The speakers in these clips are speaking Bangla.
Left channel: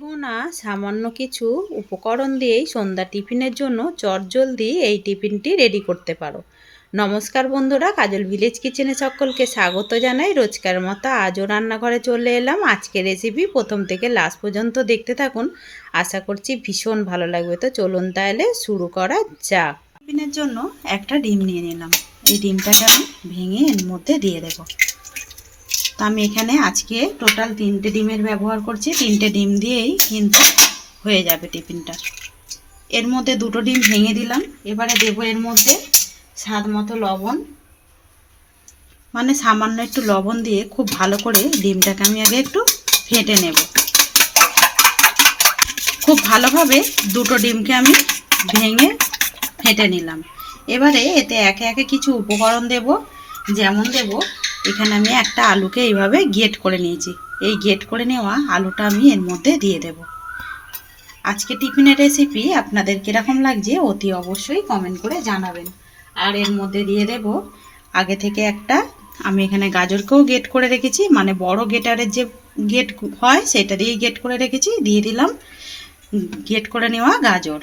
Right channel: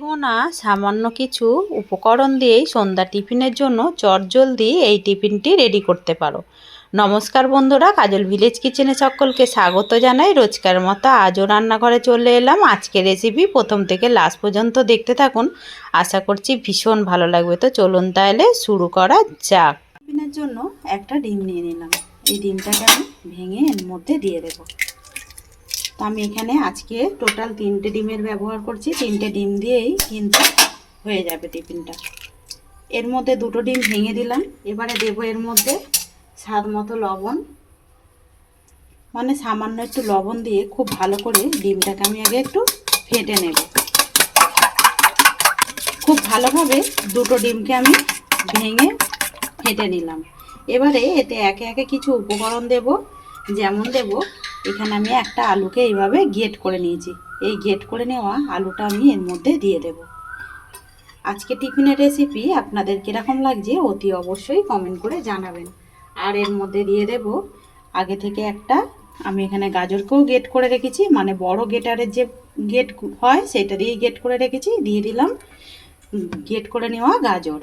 না সামান্য কিছু উপকরণ দিয়েই সন্ধ্যা টিফিনের জন্য চটজলদি এই টিফিনটি রেডি করতে পারো। নমস্কার বন্ধুরা, কাজল ভিলেজ কিচেনে সকলকে স্বাগত জানাই। রোজকার মতো আজও রান্নাঘরে চলে এলাম। আজকের রেসিপি প্রথম থেকে লাস্ট পর্যন্ত দেখতে থাকুন, আশা করছি ভীষণ ভালো লাগবে। তো চলুন তাহলে শুরু করা যাক। টিফিনের জন্য একটা ডিম নিয়ে নিলাম। এই ডিমটাকে আমি ভেঙে এর মধ্যে দিয়ে দেবো। তো আমি এখানে আজকে টোটাল 3টে ডিমের ব্যবহার করছি। 3টে ডিম দিয়েই কিন্তু হয়ে যাবে টিফিনটা। এর মধ্যে 2টো ডিম ভেঙে দিলাম। এবারে দেবো এর মধ্যে স্বাদ মতো লবণ, মানে সামান্য একটু লবণ দিয়ে খুব ভালো করে ডিমটাকে আমি আগে একটু ফেটে নেব। খুব ভালোভাবে 2টো ডিমকে আমি ভেঙে ফেটে নিলাম। এবারে এতে একে একে কিছু উপকরণ দেব। যেমন দেব, এখানে আমি একটা আলুকে এইভাবে গ্রেট করে নিয়েছি। এই গ্রেট করে নেওয়া আলুটা আমি এর মধ্যে দিয়ে দেব। আজকে টিফিনের রেসিপি আপনাদের কীরকম লাগছে অতি অবশ্যই কমেন্ট করে জানাবেন। আর এর মধ্যে দিয়ে দেব আগে থেকে একটা, আমি এখানে গাজরকেও গ্রেট করে রেখেছি, মানে বড় গ্রেটারের যে গ্রেট হয় সেটা দিয়ে গ্রেট করে রেখেছি। দিয়ে দিলাম গ্রেট করে নেওয়া গাজর।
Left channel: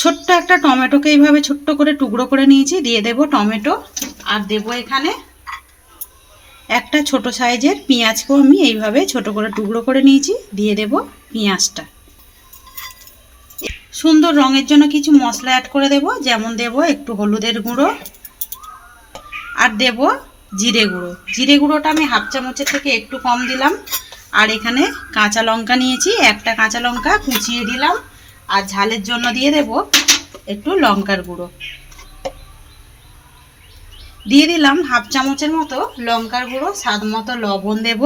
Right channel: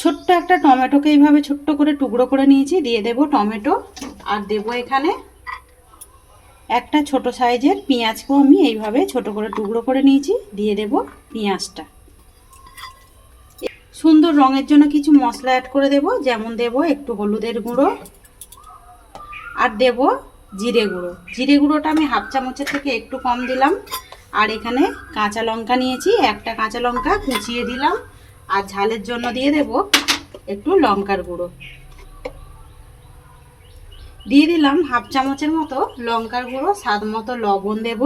ছোট্ট একটা টমেটোকে এইভাবে ছোট্ট করে টুকরো করে নিয়েছি, দিয়ে দেব টমেটো। আর দেব এখানে একটা ছোট সাইজের পেঁয়াজকেও আমি এইভাবে ছোট করে টুকরো করে নিয়েছি, দিয়ে দেব পেঁয়াজটা। সুন্দর রঙের জন্য কিছু মশলা অ্যাড করে দেব। যেমন দেব একটু হলুদের গুঁড়ো, আর দেব জিরে গুঁড়ো। জিরে গুঁড়োটা আমি হাফ চামচের থেকে একটু কম দিলাম। আর এখানে কাঁচা লঙ্কা নিয়েছি, একটা কাঁচা লঙ্কা কুচিয়ে দিলাম। আর ঝালের জন্য দিয়ে দেব একটু লঙ্কার গুঁড়ো। দিয়ে দিলাম হাফ চামচের মতো লঙ্কার গুঁড়ো। স্বাদ মতো লবণ দেব,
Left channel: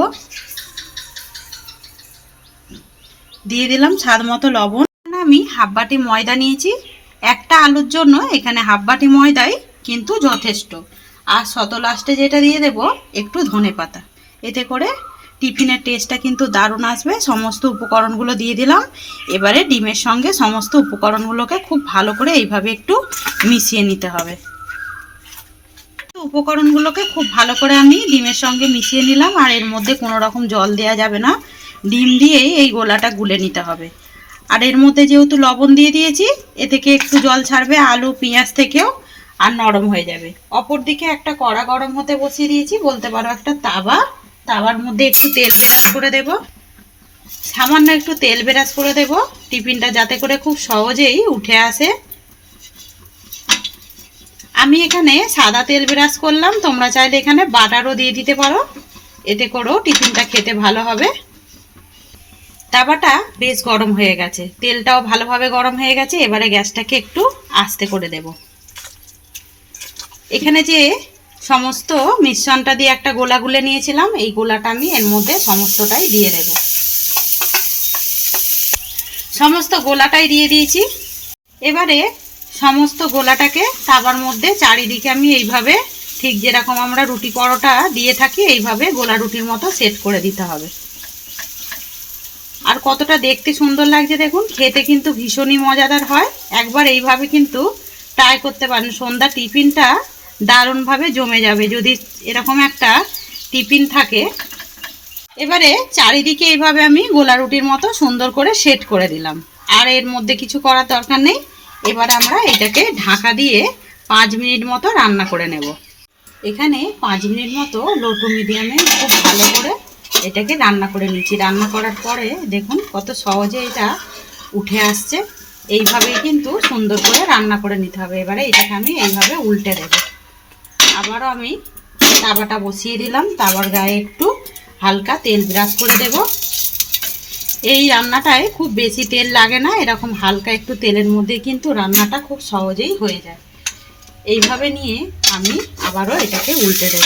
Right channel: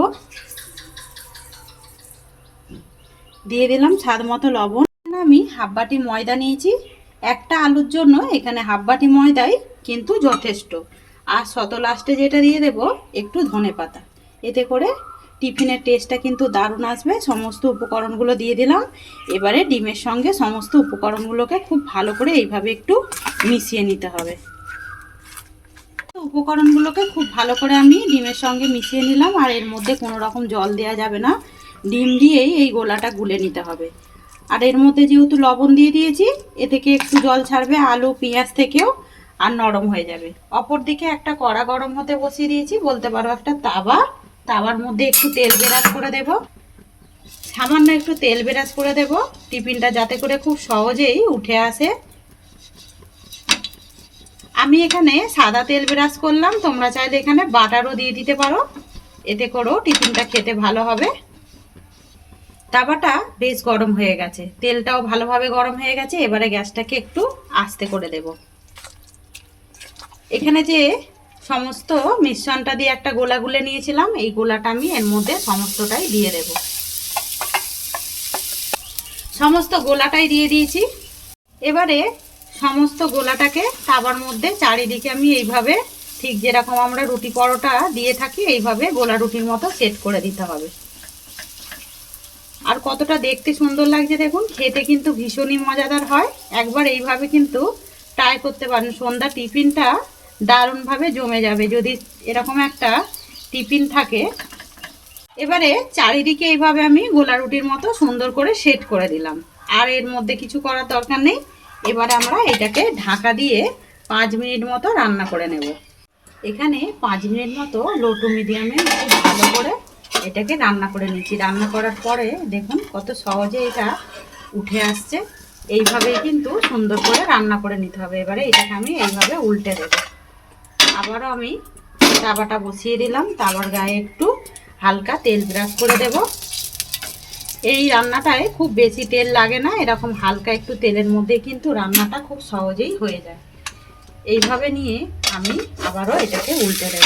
দিয়ে দিলাম স্বাদ মতো লবণ। আমি হাফ বাটি ময়দা নিয়েছি। একটা আলুর জন্য এখানে হাফ বাটি ময়দাই কিন্তু যথেষ্ট। আর শত লাস্টে যেটা দিয়ে দেব একটু ধনেপাতা, এতে করে টিফিনের টেস্টটা কিন্তু দারুণ আসবে। সমস্ত উপকরণগুলো দিয়ে দিলাম। এবারে ডিমের সঙ্গে সমস্ত উপকরণগুলোকে খুব ভালো করে এইভাবে একটু মিশিয়ে নিতে হবে। উপকরণগুলোকে খুব ভালো করে আমি ডিমের সঙ্গে মিশিয়ে নিলাম। আর এর মধ্যে কোনো রকম জল দেওয়া যাবে না, ডিম দিয়েই এই গোলাটা গুলে নিতে হবে। আর এর মধ্যে যেহেতু লবণ দিয়ে দিয়েছি, এ থেকে একটু জল ছাড়বে আলু পেঁয়াজ থেকেও, আর নরম হয়ে যাবে। অপর দিকে একটা কড়া গরম হতে বসিয়ে দিয়েছি, বলতে পারো একটা তাওয়া। তাওয়ার মধ্যে একটু তেল ব্রাশ করে দেব, সামান্য একটু তেল ব্রাশ করে দেব টিফিনটা যাতে করে খুব সহজেই উঠে আসে। আমি এখানে সাদা তেল ব্রাশ করলাম, তোমরা চাইলে এখানে বাটারও দিয়ে দিতে পারো, এতে করেও টিফিনটা খেতে ভালো হবে। তাওয়াটা বেশ গরম হয়ে গেছে, তেলটাও ভালোভাবে গরম হয়ে গেছে। এবারে গ্যাসটাকে একটু আস্তে করে দেব। এখানে যে সমস্ত মিশ্রণটা দিয়ে একটা গোলা গুলে নিয়েছিলাম, এই গোলাটা আমি এর মধ্যে সমস্তটাই দিয়ে দেব। সমস্ত গোলাটাই দিয়ে দিয়েছি। এবারে সমস্ত গোলাটাকে তাওয়ার মধ্যে চারিদিকে আমি এইভাবে, ঠিক যেরকম আমরা রুটি পরোটা দিয়ে থাকি, এইভাবে গোলা রুটির মতো সেট করে দিতে হবে। আর কতটা দেখতে সুন্দর লাগছে দেখুন, খেতে কিন্তু ভীষণই মজাদার হয়। একবার এইভাবে কিন্তু ট্রাই করতে পারেন, সন্ধ্যা টিফিনটা দারুণভাবে জমে যাবে যদি এরকম একটা টিফিন থাকে। এবারে চারিদিকে এইভাবে আমি গোলা রুটির মতো সুন্দর করে সেট করে দিলাম। আর এর মধ্যে কিছু করার দরকার নেই। এবারে আমরা এটাকে ঢাকা দিয়ে 5 মিনিট মতো রান্না করে নেব। এখানে 5 মিনিট মতো লো টু মিডিয়ামে খুব ভালো করে এটাকে রান্না করে নিচ্ছি। রান্না করার পরে দেখুন কত সহজে এটা উঠে আসছে। এইভাবেই কিন্তু সুন্দর করে রান্না করে নিতে হবে। এবারে এটাকে আমি এইভাবে উল্টে দেব। আবারও আমি তাওয়াটা বসিয়ে দিলাম, তাওয়ার গায়ে একটু হালকা তেল ব্রাশ করে দেব। এই রান্নাটায় খুব বেশি তেল লাগে না, এরকম হালকা একটু তেলের মধ্যে কিন্তু রান্নাটা খুব সহজেই হয়ে যায়। এইভাবে নিয়ে আমি আবারও এটাকে উল্টে দেব।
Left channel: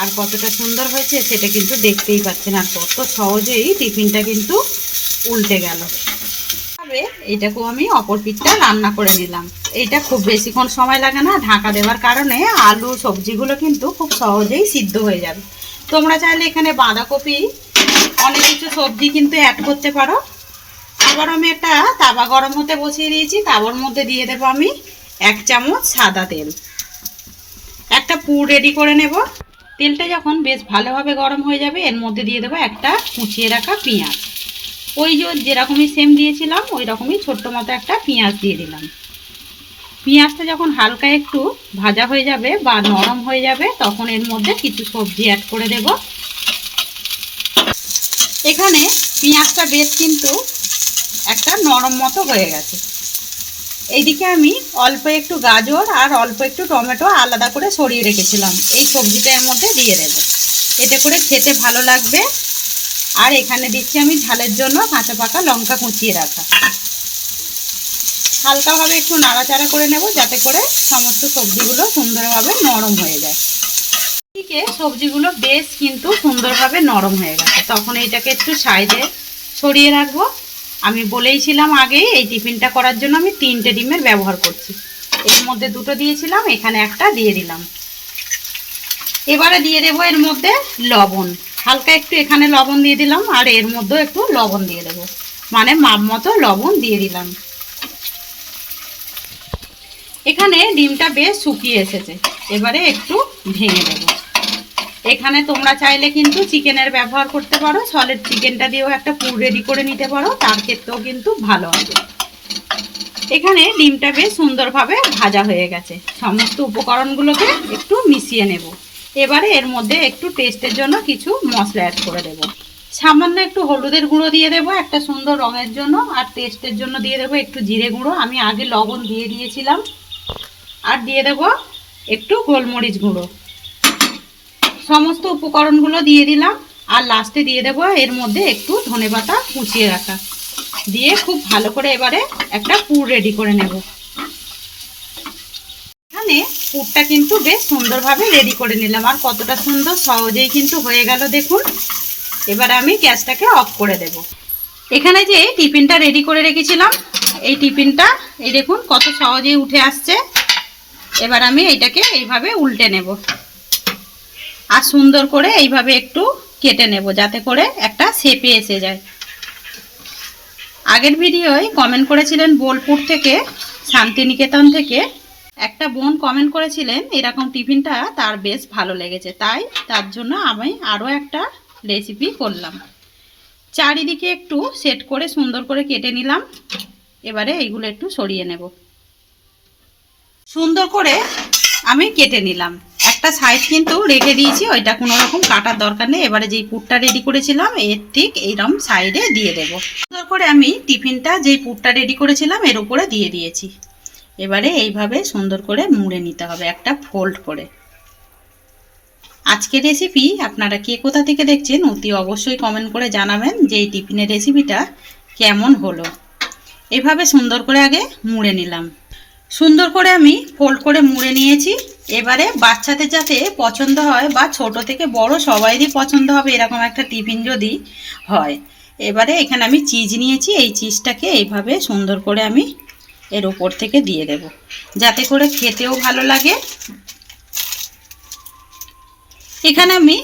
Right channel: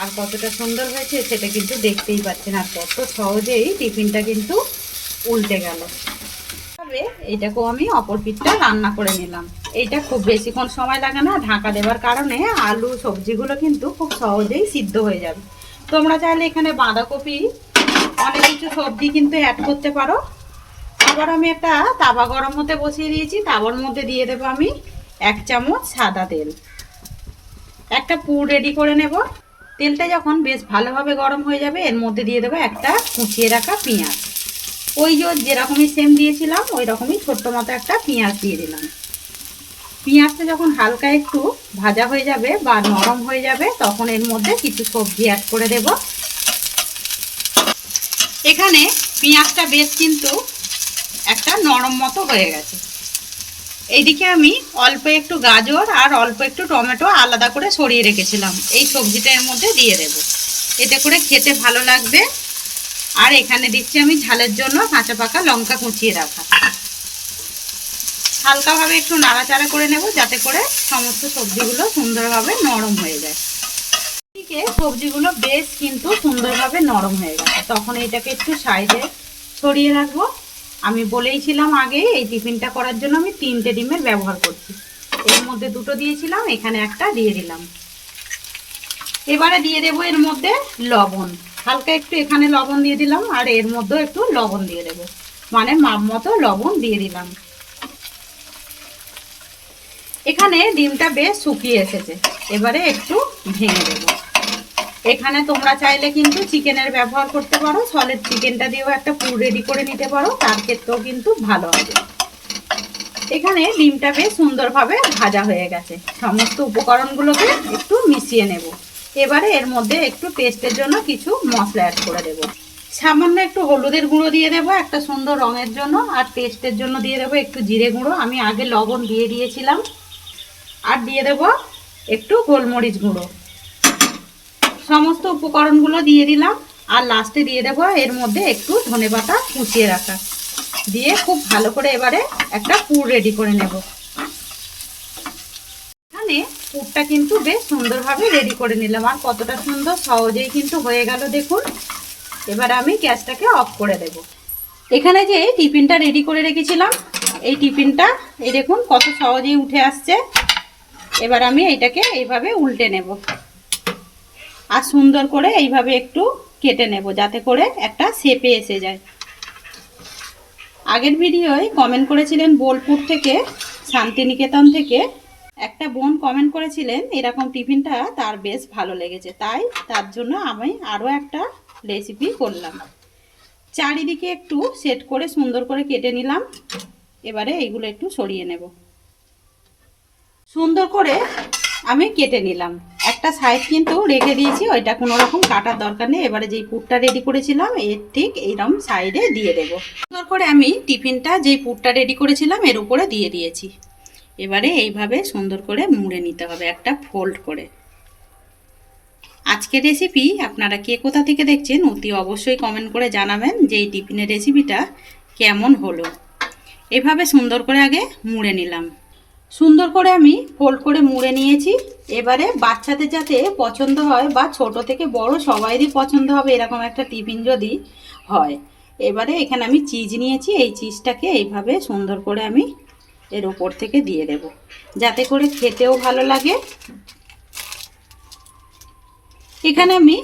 আর কতটা সুন্দর হয়েছে সেটা কিন্তু দেখতেই পাচ্ছেন, আর কত সহজেই টিফিনটা কিন্তু উল্টে গেল। তবে এটাকেও আমি অপর পিঠটা রান্না করে নিলাম। এইটা খুব বেশিক্ষণ সময় লাগে না, ঢাকা দেওয়ার কারণে আলু সবজিগুলো কিন্তু খুব সহজেই সিদ্ধ হয়ে যাবে। তোমরা চাইলে এখানে বাঁধাকপি অনেক কিছু সবজি কিন্তু অ্যাড করতে পারো। আবার আমি একটা তাওয়া গরম হতে বসিয়ে দিয়েছি, তাওয়ার মধ্যে দিয়ে দেবো আমি 1 চামচ সাদা তেল। একটা পুর রেডি করে নেব। তেলটা যখন বেশ ভালোভাবে গরম হয়ে যাবে এর মধ্যে দিয়ে দেবো একটা কুচিয়ে রাখা পেঁয়াজ। ওই যেরকমই সেম দিয়েছিলাম ওই রকমই ছোট্ট মতো একটা পেঁয়াজ দিয়ে দিলাম। পেঁয়াজটা যখন হালকা একটু ভাজা হয়ে যাবে বা নরম হয়ে যাবে তখন এর মধ্যে কিছু সবজি অ্যাড করে দেব। এখানে পেঁয়াজটা বেশ কিন্তু একটা নরম মতো হয়ে গেছে। এইদিকে আমি অল্প একটু গাজর আর অল্প একটু টমেটো আলাদা করে সরিয়ে রেখেছিলাম, এই সবজিটা এর মধ্যে দিয়ে দেব। এতে করে খেতে ভালো লাগবে। আর এখানে দিচ্ছি আমি ঝালের জন্য কাঁচা পাকা লঙ্কা কুচিয়ে রাখা। হালকাভাবে একটু নাড়াচাড়া করে নেব যাতে করে সমস্ত সবজিগুলো সুন্দরভাবে নরম হয়ে যায়। এদিকে সবজিগুলো বেশ কিন্তু সুন্দরভাবে নরম হয়ে গেছে, তখন এটাকে একটু সাইডে সরিয়ে রাখবো। আমি বলেইছিলাম আগে এই টিফিনটা করার জন্য আমি 3টে ডিমের ব্যবহার করছি। এর মধ্যে 2টো দিয়েছিলাম, এখানে একটা দিয়ে দিলাম। এবারে দিয়ে দেবো এর মধ্যে লবণ, হালকা একটু এখানে লবণ দিয়ে দিলাম আর এর মধ্যেও একটু লবণ দিয়ে দেবো, মানে মাপ মতো লবণ দিয়ে দিলাম। এখানে ডিমটা বেশ শুকিয়ে এসেছে, এবারে একটু ভেঙে দেবো। এখানে তোমরা চাইলে কিন্তু চিকেনের ব্যবহার করতে পারো, সলিড চিকেনটা দিয়েও একটা পুর রেডি করে নিতে পারো, তার ক্ষেত্রেও কিন্তু ভালো হবে। এখানে ডিমটা বেশ সুন্দরভাবে ভাজা হয়ে গেছে। সমস্ত উপকরণগুলোকে একটু মিশিয়ে নেব। এবারে এর মধ্যে একটু টেস্টের জন্য কিছু মশলা অ্যাড করে দেব। সামান্য একটু হলুদের গুঁড়ো দিয়ে দেবো একটা সুন্দর রঙের জন্য, আর টেস্টের জন্য দিয়ে দেবো একটু জিরে গুঁড়ো, আমি আগে লবণ দিয়ে দিয়েছিলাম। আর দিয়ে দেব একটু গোলমরিচ গুঁড়ো। সমস্ত উপকরণগুলো দিয়ে দিলাম আর লাস্টে দিয়ে দেবো এর মধ্যে একটু ধনেপাতা কুচিয়ে রাখা, দিয়ে খুব ভালো করে এবারে একটা পুর রেডি করে নেব। এখানে পুরটা কিন্তু বেশ সুন্দরভাবে রেডি করে নিলাম, আর কতটা সুন্দর সহজেই কিন্তু হয়ে গেল দেখুন। এবারে আমি গ্যাসটাকে অফ করে দেব। এখানে যে টিফিনটা রেডি করে রেখেছিলাম এই টিফিনটা এই দেখুন কত সহজেই উঠে আসছে। এবার আমি এইটাকে এইভাবে উল্টে নেব আর সুন্দর করে এইভাবে একটু কেটে নেব যাতে করে একটা শেপে এসে যায়। আগের ভিডিওয় কমেন্ট করেছিলেন বোলপুর থেকে, শান্তিনিকেতন থেকে একটা বোন কমেন্ট করেছিলেন এরকম টিফিনটা তার বেশ ভালো লেগেছে, তাই তার জন্য আমি আরও একটা রেসিপি করলাম। চারিদিকে একটু সেট করে সুন্দর করে কেটে নিলাম। এবারে এইগুলো একটু সরিয়ে নেব। সুন্দর করে আমি কেটে নিলাম, একটা সাইড কিন্তু রেখে দিয়েছি, ওইটা কোনো রকম কাটার দরকার নেই। এবারে যেই পুরটা রেডি করেছিলাম এর ঠিক এইরকম সাইডে দিয়ে দেব। সুন্দর করে আমি টিফিনটা যেই পুরটা রেডি করেছিলাম এর উপরে দিয়ে দিয়েছি। এবারে এইভাবে সুন্দর করে মুড়ে নিতে হবে একটা ফোল্ড করে। আজকের রেসিপি আপনারা কে কোথা থেকে দেখছেন অতি অবশ্যই কমেন্ট করে জানাবেন যে এই টিফিনের রেসিপিটা কেমন হলো। এভাবে সুন্দর করে আগে মুড়ে নিলাম। সুন্দর করে আমি ফোল্ড করে মুড়ে নিয়েছি। এবারে বাচ্চাদের যাতে পছন্দ হয় বা ছোট থেকে বড় সবাইরই পছন্দ হবে এরকম একটা টিফিন যদি হয়। এবারে এখানে আমি চিজ নিয়েছি, এই চিজটাকে এইভাবে সুন্দর করে আমি এর উপর থেকে দিয়ে দেব যাতে করে খেতেও ভালো লাগে। এখানে আমি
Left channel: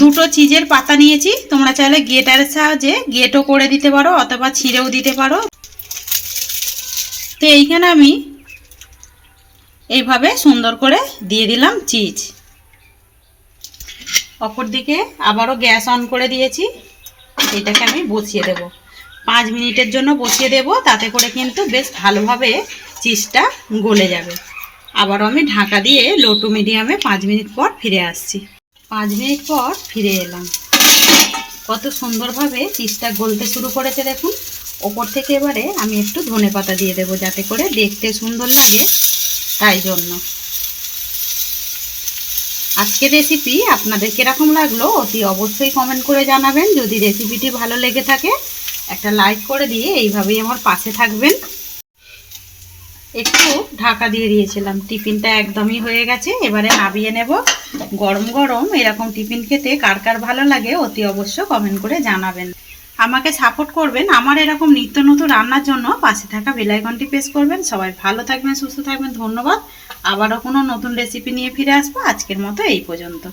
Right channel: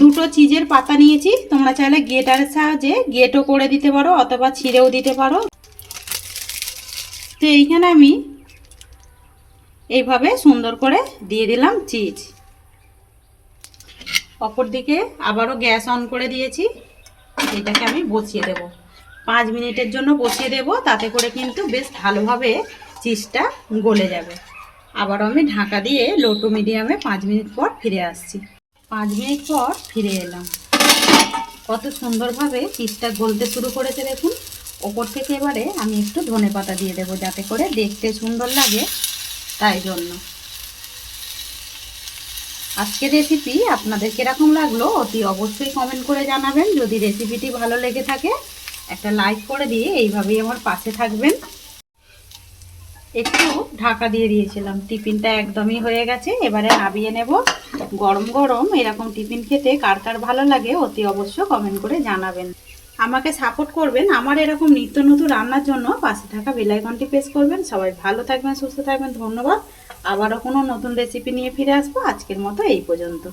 2টো চিজের পাতা নিয়েছি, তোমরা চাইলে গ্রেটারের সাহায্যে গ্রেটও করে দিতে পারো অথবা ছিঁড়েও দিতে পারো। তো এইখানে আমি এইভাবে সুন্দর করে দিয়ে দিলাম চিজ। অপর দিকে আবারও গ্যাস অন করে দিয়েছি, এটাকে আমি বসিয়ে দেব। 5 মিনিটের জন্য বসিয়ে দেব, তাতে করে কিন্তু বেশ ভালোভাবে চিজটা গলে যাবে। আবার আমি ঢাকা দিয়ে লো টু মিডিয়ামে 5 মিনিট পর ফিরে আসছি। 5 মিনিট পর ফিরে এলাম। কত সুন্দরভাবে চিজটা গলতে শুরু করেছে দেখুন। ওপর থেকে এবারে আমি একটু ধনেপাতা দিয়ে দেবো যাতে করে দেখতে সুন্দর লাগে, তাই জন্য। আজকের রেসিপি আপনাদের কিরকম লাগলো অতি অবশ্যই কমেন্ট করে জানাবেন। যদি রেসিপিটি ভালো লেগে থাকে একটা লাইক করে দিয়ে এইভাবেই আমার পাশে থাকবেন। একটু ঢাকা দিয়ে দিয়েছিলাম, টিফিনটা একদমই হয়ে গেছে। এবারে নামিয়ে নেব। গরম গরম এরকম টিফিন খেতে কার কার ভালো লাগে অতি অবশ্য কমেন্ট করে জানাবেন। আমাকে সাপোর্ট করবেন আমার এরকম নিত্য নতুন রান্নার জন্য, পাশে থাকা বেল আইকনটি প্রেস করবেন। সবাই ভালো থাকবেন, সুস্থ থাকবেন, ধন্যবাদ। আবারও কোনো নতুন রেসিপি নিয়ে ফিরে আসবো। আজকের মতো এই পর্যন্ত।